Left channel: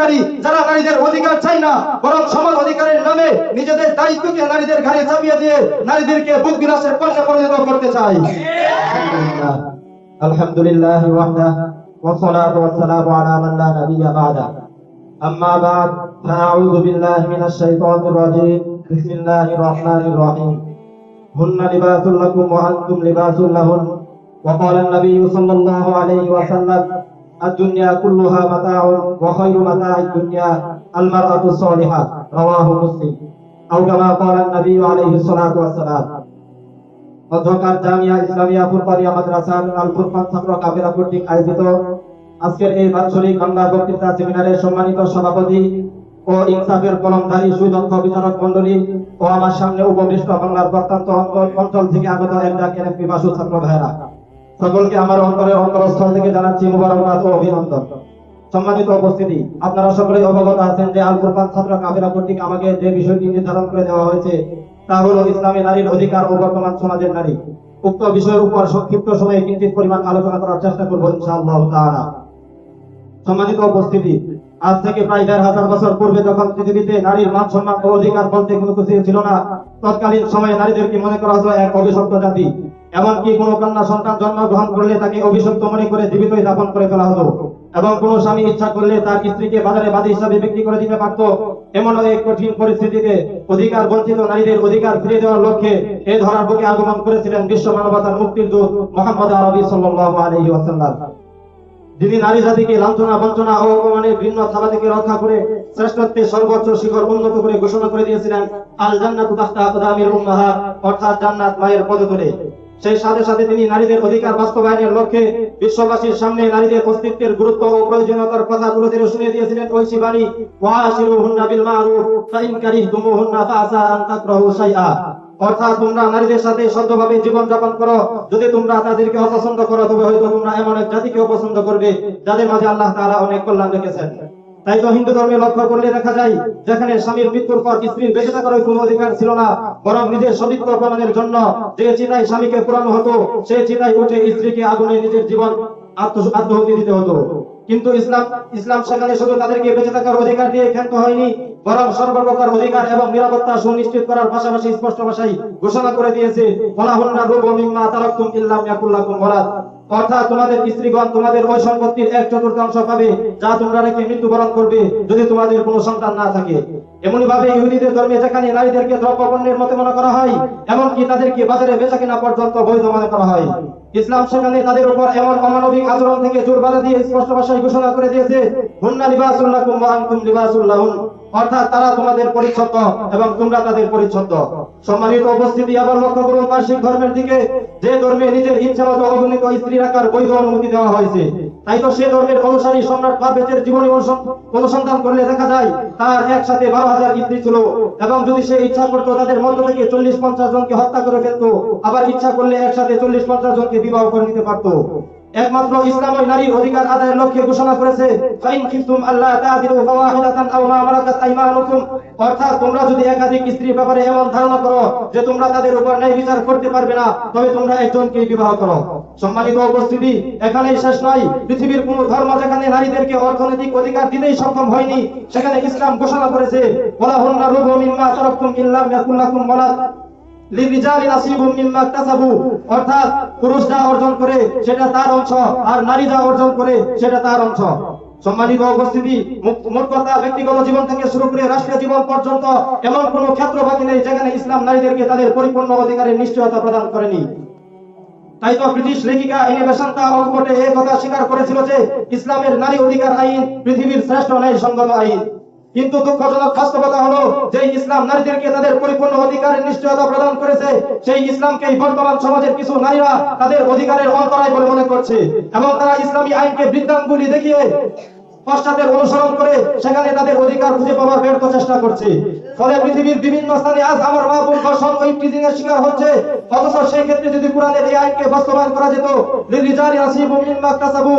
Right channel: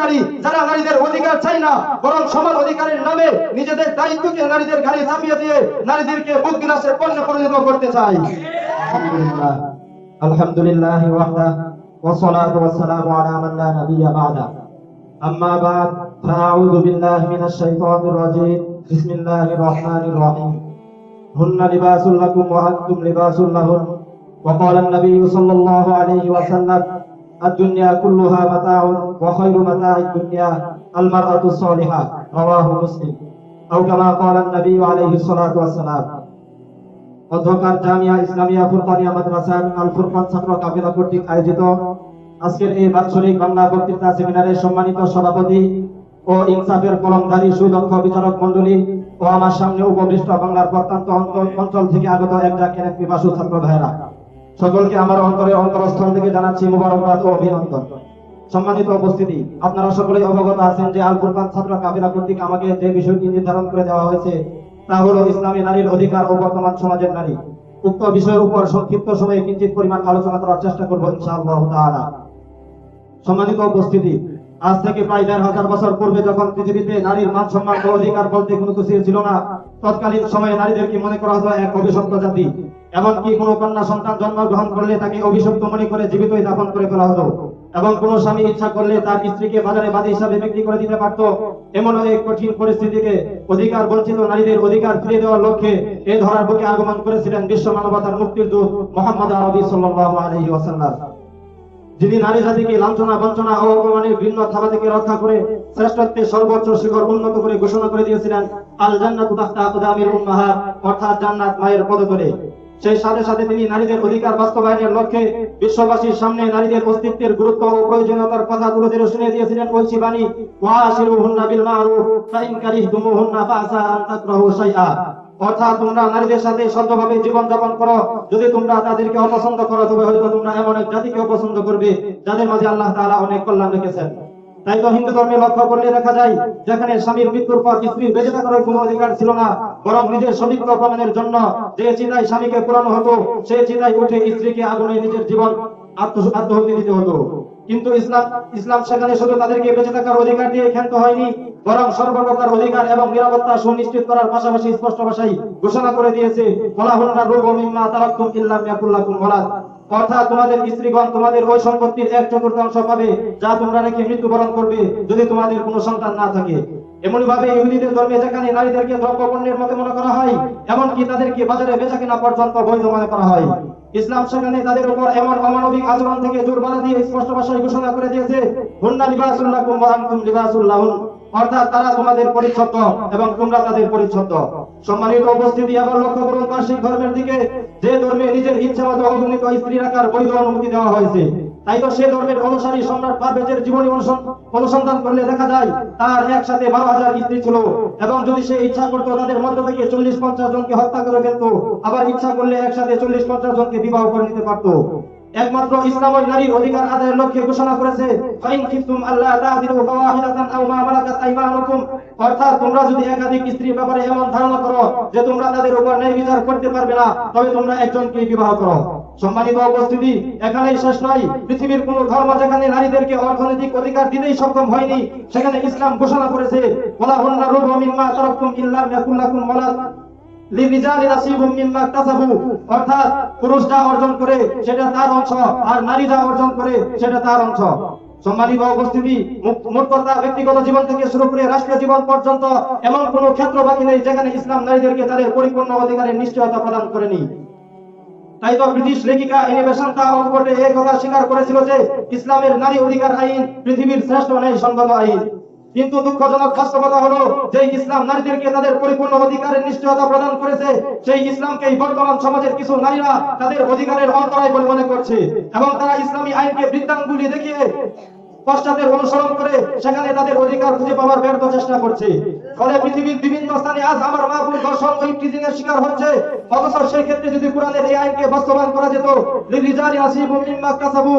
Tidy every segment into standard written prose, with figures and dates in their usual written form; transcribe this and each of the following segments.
নারী যারা নারীদের অধিকার চায় না, বরং সমান অধিকারের নামে নিজেদের দায়িত্বকে নারীদের ঘাড়ে চাপিয়ে দিয়ে নারীদেরকে বুক বিলাসের পণ্য পরিণত করতে চায়। আলহামদুলিল্লাহ ওয়াহদাহ والصلاة والسلام على من لا نبي بعده أما بعد فأعوذ بالله من الشيطان الرجيم بسم الله الرحمن الرحيم هن لباس لكم وأنتم لباس لهن وقال النبي صلى الله عليه وسلم الدنيا كلها متاع وخير متاع الدنيا المرأة الصالحة رواه مسلم أو كما قال النبي عليه الصلاة والسلام। অধ্যকার জামিয়া ইসলামিয়া ফুরকানিয়া মাদ্রাসার আল ফুরকান ছাত্র কাফেলা কর্তৃক আয়োজিত আজকের এই বাৎসরিক বাংলা বক্তৃতা সেমিনারের সম্মানিত সভাপতি ও ইনসাফের কলমধারী সুদক্ষ বিচারক মণ্ডলী ও আমার সামনে উপবিষ্ট বাংলার প্রত্যন্ত অঞ্চল থেকে আগত একজাক পিপাসু ছাত্র ভাইরা, সকলকে আমার অন্তরের অন্তরস্থল থেকে জানাচ্ছি মুবারকবাদ ও অভিনন্দন। সম্মানিত উপস্থিতি, আপনারা সকলেই অবগত আছেন যে আল ফুরকান ছাত্র কাফেলা কর্তৃক আমাকে যে বিষয়টি নির্ধারণ করে দেওয়া হয়েছে তা হলো ইসলামী নারীর অধিকার ও বর্তমান সমাজের নারী। উক্ত বিষয়ের উপর সংক্ষিপ্ত সময়ে কিঞ্চিত পরিমাণ আলোচনা করার চেষ্টা করব ইনশাআল্লাহ তাআলা। সম্মানিত উপস্থিতি, আজ থেকে প্রায় ১৫০০ বছর পূর্বে যখন পৃথিবীতে নারীর মান সম্মান ও অধিকার বলতে কোনো কিছু ছিল না, তৎকালীন সময়ে নারীদেরকে মনে করা হতো এক অভিশপ্ত জাতি। এমনকি কোনো কন্যা সন্তান জন্মগ্রহণ করলে তাকে অভিশপ্ত মনে করে জীবিতই দাফন করে ফেলা হতো, এবং কোনো স্বামী ইচ্ছা করলে তার স্ত্রীকে বাজারে বাদী হিসাবে বিক্রি করে দিতে পারত। এমন এক কঠিন পরিস্থিতিকে অধিকার বঞ্চিত নারীদের অধিকার ফিরিয়ে দেওয়ার লক্ষ্যে এই ধরার বুকে আগমন করেছিলেন বিশ্ব মানবতার মুক্তির দূত মুহাম্মদ আরবি সাল্লাল্লাহু আলাইহি ওয়াসাল্লাম, যিনি নারী জাতিকে লাঞ্ছনা বঞ্চনা ও অপমানের ভিন্ন থাবা থেকে রক্ষা করে শ্রেষ্ঠত্বের সর্বোচ্চ শিখর উন্নত করে ঘোষণা করে দিয়েছিলেন আল জান্নাতু তাহতা আকদামিল উম্মাহাত, অর্থাৎ জান্নাত মায়ের পদতলে। সেই সাথে সাথে তিনি নারীদের অধিকার বাস্তবায়নের লক্ষ্যে বিশ্ববাসীর সামনে নারীদের অস্তিত্বের গুরুত্ব ও প্রয়োজনীয়তার কথা তুলে ধরে শুনিয়ে দিয়েছিলেন ঐশী বাণী, ওয়াশিরুহুন্না বিল মারুফ ফাইন কারিহতুমুহুন্না ফাআসা আন তাকরাহু শাইআ, অর্থাৎ তোমরা নারীদের সাথে সদ্ভাবে জীবন যাপন করো, যদি তোমরা তাদেরকে অপছন্দ করো তবে হয়তো তোমরা এমন এক জাতিকে অপছন্দ করবে যাদের মাঝে আল্লাহ তাআলা অনেক কল্যাণ রেখেছেন। তাই তো হিন্দু ধর্মে লক্ষ্য করলে দেখা যায় যেখানে স্বামীর মৃত্যুর পর স্ত্রীর বেঁচে থাকার কোনো অধিকার ছিল না, বরং নিজের সতীত্ব প্রমাণের জন্য যে চিতায় স্বামীকে পোড়ানো হতো সেই চিতায় উঠে স্ত্রীকে আগুনে নিজের জীবন আত্মহুতি দিতে হতো। কিন্তু ইসলাম সেখানে শুধু তাদেরকে বেঁচে থাকার অধিকার দিয়ে ক্ষান্ত হয়নি, বরং সর্বপ্রকার অধিকার এবং নিরাপত্তা সুনিশ্চিত করার পাশাপাশি স্পষ্ট ভাষায় ঘোষণা করে দিয়েছে ওয়ালাহুন্না রুবু মিম্মা তারাকতুম ইল্লাম ইয়াকুল লাকুম ওয়ালাদ, অর্থাৎ তোমাদের স্ত্রীগণ তোমাদের ওই সম্পত্তির 1/4 পাবে যা তোমরা রেখে মৃত্যুবরণ করবে যদি তোমাদের কোনো সন্তান না থাকে। এমন ভাবে ইহুদিদের ধর্মে যেখানে নারীদেরকে দ্রব্যপণ্যের মতো মনে করা হয়, এমনকি তাদেরকে বাজারে বেচাকেনা পর্যন্ত বৈধ মনে করা হয়, ইসলাম সেখানে তাদের উপর এমন অমানবিক আচরণ থেকে জোর বাধা দিয়ে স্পষ্ট ভাষায় ঘোষণা করে দিয়েছে হুন্না লিবাসুল লাকুম ওয়া আনতুম লিবাসুল লাহুন, অর্থাৎ তারা তোমাদের পরিচ্ছন্ন এবং তোমরা তাদের পরিচ্ছন্ন। সম্মানিত উপস্থিতি, আবার লক্ষ্য করুন বার্ষিক ধর্মের দিকে, যে ধর্মে নিজের ইচ্ছা মতো অগণিত স্ত্রী রাখার বৈধ অনুমতি দেওয়া হয়েছে। তাই তো সে ধর্মের অনুসারী সম্রাট পারভেজের জীবনী অনুসন্ধান করলে দেখা যায় তার একসাথে 12,000 স্ত্রী ছিল, এবং যদি সে ইচ্ছা করতো তাদের মধ্য থেকে 40-50 জনকে হত্যা করে ফেলতো, আবার ইচ্ছা করলে একসাথে 40-50 জনকে বিবাহ করে নিতে পারতো। একমাত্র ইসলাম ওই নারীর অধিকার আদায়ের লক্ষ্যে ঘোষণা করেছে ফাইন কিফতুম আল্লাহ তা'দিলু ফাওয়াহিদাতান আও মা মালাকাত আইমানুকুম, অর্থাৎ তোমরা যদি একাধিক স্ত্রীর ব্যাপারে এমন ধারণা করো যে তোমরা তাদের উপর ন্যায় বিচার করতে পারবে না, তবে তোমরা একজনকে বিবাহ করো। সম্মানিত উপস্থিতি, এখানেই শেষ নয়, পৃথিবীর কোন ধর্ম যেখানে নারীদেরকে অর্থনৈতিক অধিকার দিতেই সক্ষম হয়নি সেখানে ইসলাম ঘোষণা করেছে ওয়ালাহুন্না রুবু মিম্মা তারাকতুম ইল্লাম ইয়াকুল লাকুম ওয়ালাদ লিরিজালি নাসিবুম মিম্মা ইকতাসাবু, অর্থাৎ পুরুষ যা অর্জন করে সেটা তার অংশ, আর নারী যা অর্জন করে সেটা তার অংশ। সম্মানিত উপস্থিতি, মোট কথা ব্যক্তিগত জীবন থেকে শুরু করে রাষ্ট্রীয় জীবন পর্যন্ত এমন কোনো ক্ষেত্র বাকি নেই যেখানে ইসলাম নারীদেরকে তাদের পরিপূর্ণ অধিকারের নিশ্চয়তা প্রদান করেনি। তাই তো ব্রিটিশ লেখিকা এনি বেসান্ট অক্সফোর্ডে এই কথা স্বীকার করেছিল যে ইসলামের নারী অধিকার আইন পৃথিবীর শ্রেষ্ঠ ন্যায়সঙ্গত আইন। কিন্তু দুঃখজনক বাস্তবতা হলো যে ইসলাম নারীদেরকে তাদের পরিপূর্ণ অধিকারের নিশ্চয়তা প্রদান করেছে, সেই ইসলামকেই বর্তমান সমাজের কিছু নারীরা তাদের অধিকারের অন্তরায় বলে মনে করছে, এবং তারা ইসলামী আইনকে বৃত্তাঙ্গুলি দেখিয়ে পশ্চাতের অনুসরণ করে সেখানে তাদের অধিকার খুঁজে পাওয়ার ব্যর্থ চেষ্টা করছে। ফলে পৃথিবীর বিভিন্ন স্থানে আজ আমার মা বোন ধর্ষণ ও ইফটিজিং এর শিকার হচ্ছে, অথচ সেই ক্ষেত্রে যদি কোরআনের এই আইনকে বাস্তবায়ন করা যেত লিরিজালি নাসিবুম মিম্মা ইকতাসাবু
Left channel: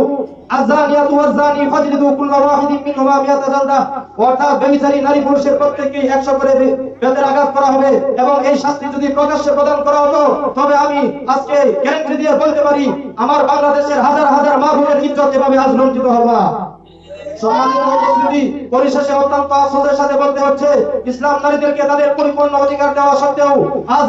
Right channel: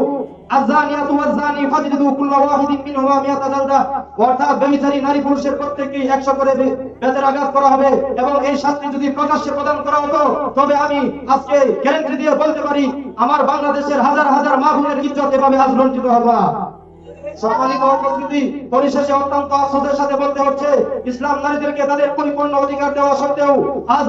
আয-যানিয়াতু ওয়াজ-যানি ফাজলিদু কুল্লা ওয়াহিদিন মিনহুমা মিয়াতা জালদা, অর্থাৎ ব্যভিচারী নারী পুরুষের প্রত্যেককেই 100 করে বেতের আঘাত করা হবে, এবং এই শাস্তি যদি প্রকাশ্যে প্রদান করা হতো তবে আমি আজকে গ্যারান্টি দিয়ে বলতে পারি আমার বাংলাদেশের হাজার হাজার মা বোনের ইজ্জত এভাবে আজ লজ্জিত হবে না। সম্মানিত উপস্থিতি, পরিশেষে অত্যন্ত আফসোসের সাথে বলতে হচ্ছে, ইসলাম নারীদেরকে তাদের পরিপূর্ণ অধিকার দেওয়া সত্ত্বেও আজ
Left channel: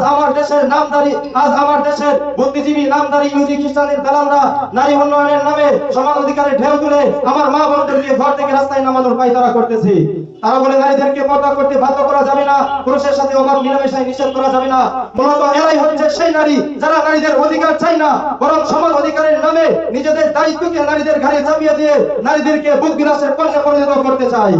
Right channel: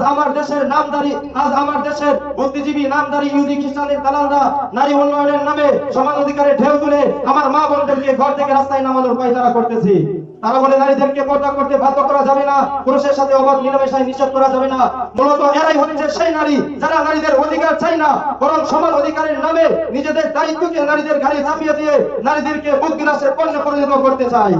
আমার দেশের বুদ্ধিজীবী নামধারী ইহুদি খ্রিস্টানের দালালরা নারী উন্নয়নের নামে সমান অধিকারের ঢেউ তুলে আমার মা বোনদেরকে ঘর থেকে রাস্তায় নামানোর পায়তারা করতেছে। তারা বলে নারীদেরকে পর্দা করতে বাধ্য করা যাবে না, পুরুষের সাথে অবাধ মিলামেশায় নিষেধ করা যাবে না। মূলত এরাই হচ্ছে সেই নারী যারা নারীদের অধিকার চায় না, বরং সমান অধিকারের নামে নিজেদের দায়িত্বকে নারীদের ঘাড়ে চাপিয়ে দিয়ে নারীদেরকে বুক বিলাসের পণ্যে পরিণত করতে চায়।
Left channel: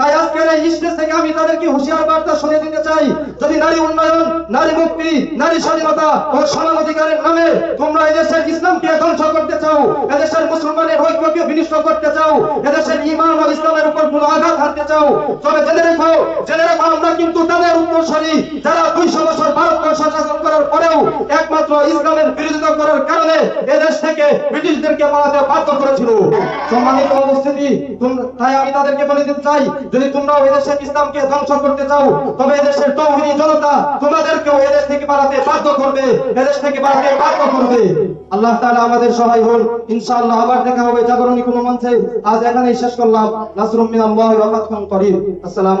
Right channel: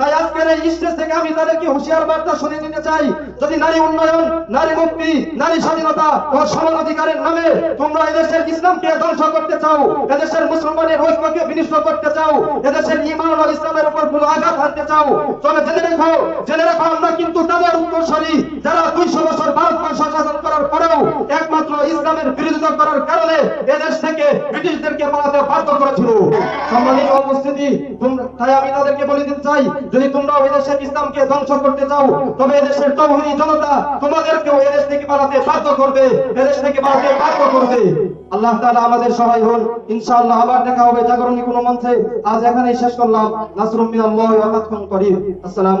তাই আজকের এই স্টেজ থেকে আমি তাদেরকে হুঁশিয়ার বার্তা শুনিয়ে দিতে চাই, যদি নারী উন্নয়ন, নারী মুক্তি, নারী স্বাধীনতা ও সমান অধিকারের নামে তোমরা এদেশের ইসলামকে ধ্বংস করতে চাও, এদেশের মুসলমানের ঐক্যকে বিনষ্ট করতে চাও, এদেশের ঈমান ও ইসলামের উপর কোনো আঘাত হানতে চাও, তবে জেনে রেখো আমরা কিন্তু তাদের উত্তরসূরি যারা 200 বছর ভারতবর্ষ শাসন করার পরেও একমাত্র ইসলামের বিরোধিতা করার কারণে এদেশ থেকে ব্রিটিশদেরকে পালাতে বাধ্য করেছিল। সম্মানিত উপস্থিতি, তাই আমি তাদেরকে বলে দিতে চাই, যদি তোমরাও এদেশের ইসলামকে ধ্বংস করতে চাও, তবে এদেশের তৌহিদি জনতা তোমাদেরকেও এদেশ থেকে পালাতে বাধ্য করবে, এদেশ থেকে পালাতে বাধ্য করবে। আল্লাহ তাআলা আমাদের সহায় হন। ইনশাআল্লাহ আবার দেখা হবে জাগরণী কোনো মঞ্চে। আজ এখানেই শেষ করলাম। নাসরুম মিনাল্লাহি ওয়া ফাতহুন করিম। আসসালামু